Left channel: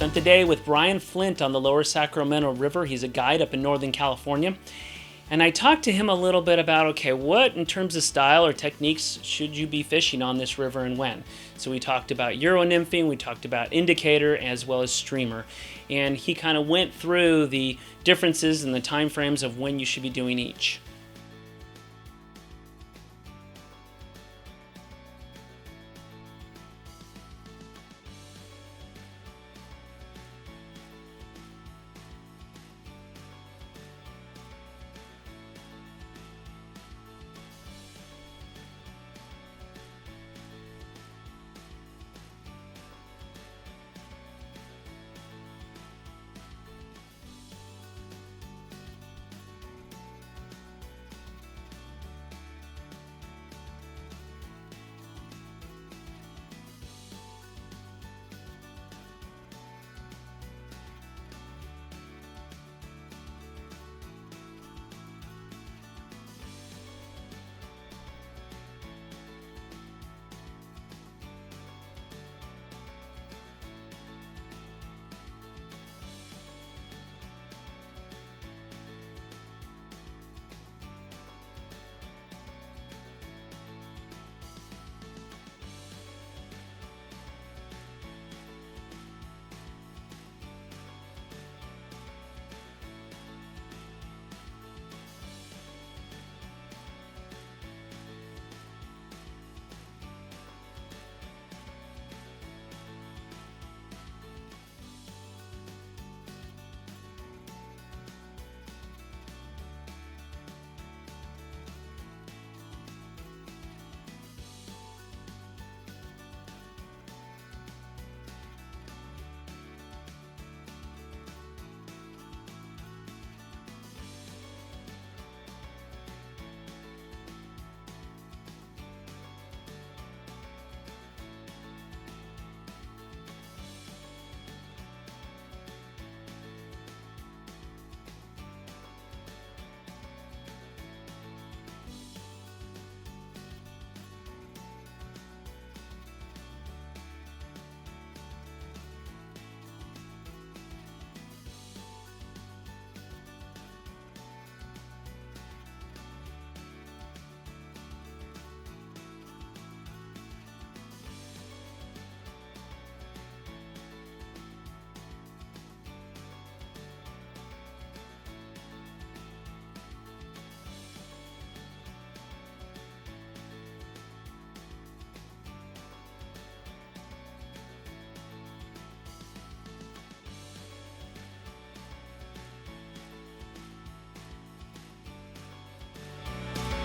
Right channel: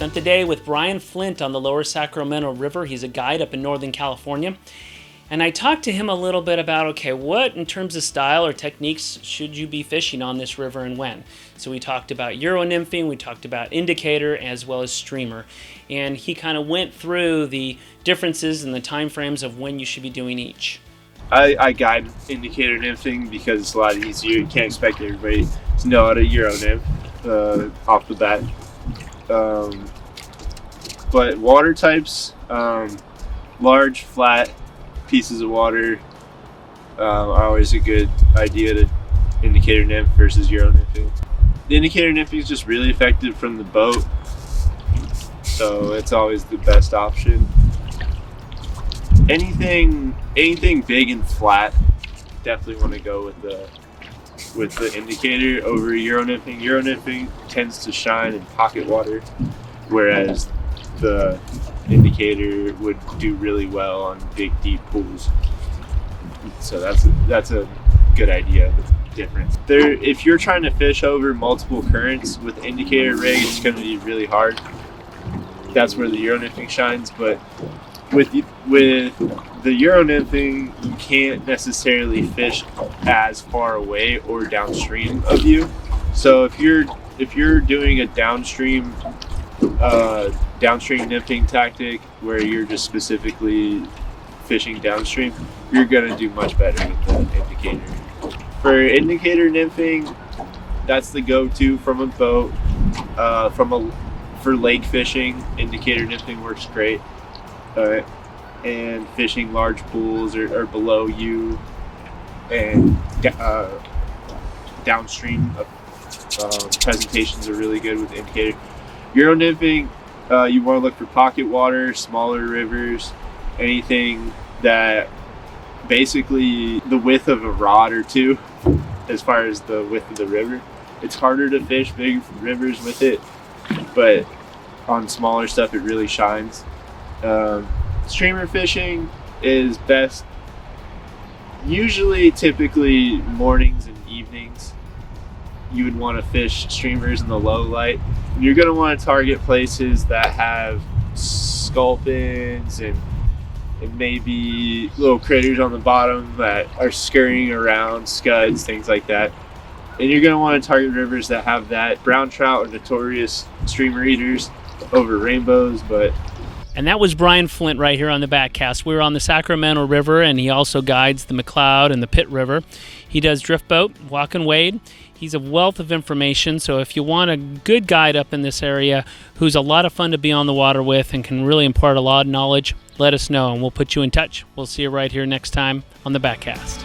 Spent the day with Brian Flint on the Lower Sacramento River. He's a guide up in Northern California. And I talked to him a little bit about, okay, what in terms of style or techniques should you be fishing on this river and when? So we talked about Euro Nymphing, we talked about indicator as well as streamer. And he kind of went through the differences and the time frames of when you should be doing each. I guide indicator nymphing because it's a lot easier. You can't expect everybody to know how to Euro nymph off the bat. But water types, large, flat pieces of water are always a good idea to indicator nymph versus Euro nymphing. The indicator nymphing is just really effective from the boat, so it's always the best option. Anything big and flat, definitely want to go with the indicator over Euro nymphing. Euro nymphing tends to shine in pocket water, whereas the indicator would do really well on big deep pools. So that's a good idea. The difference there, if you're trying to fish over multiple currents with indicator rig, it's going to be really hard. That's where the Euro nymphing shines. But with the Euro nymphing, you can't necessarily fish as far away or downstream of you. So if you're doing a downstream nymphing tactic where you're just specifically fishing downstream, you're gonna do much better with the indicator. For indicator nymphing, that's the go-to from a boat. For lake fishing, indicator nymphing works great. And fishing large pools or below you and downstream presentations are really good with indicator. Euro nymphing, you want to look for pocket water, smaller rivers, anything that basically the width of a rod or two as far as the width of the river. It's harder to fish big rivers with it, but on smaller stuff it really shines. Streamer fishing is best typically mornings and evenings. You would want to fish streamers in the low light. You're going to want to target places that have sculpins and maybe little critters on the bottom that are scurrying around, scuds, things like that. And you're going to want to target rivers that have that. Brown trout are notorious streamer eaters over rainbows, And that was Brian Flint right here on the Backcast. We're on the Sacramento River, and he also guides the McLeod and the Pitt River. He does drift boat, walk and wade. He's a wealth of information, so if you want a good guide up in this area who's a lot of fun to be on the water with and can really impart a lot of knowledge, let us know, and we'll put you in touch. We'll see you right here next time on the Backcast.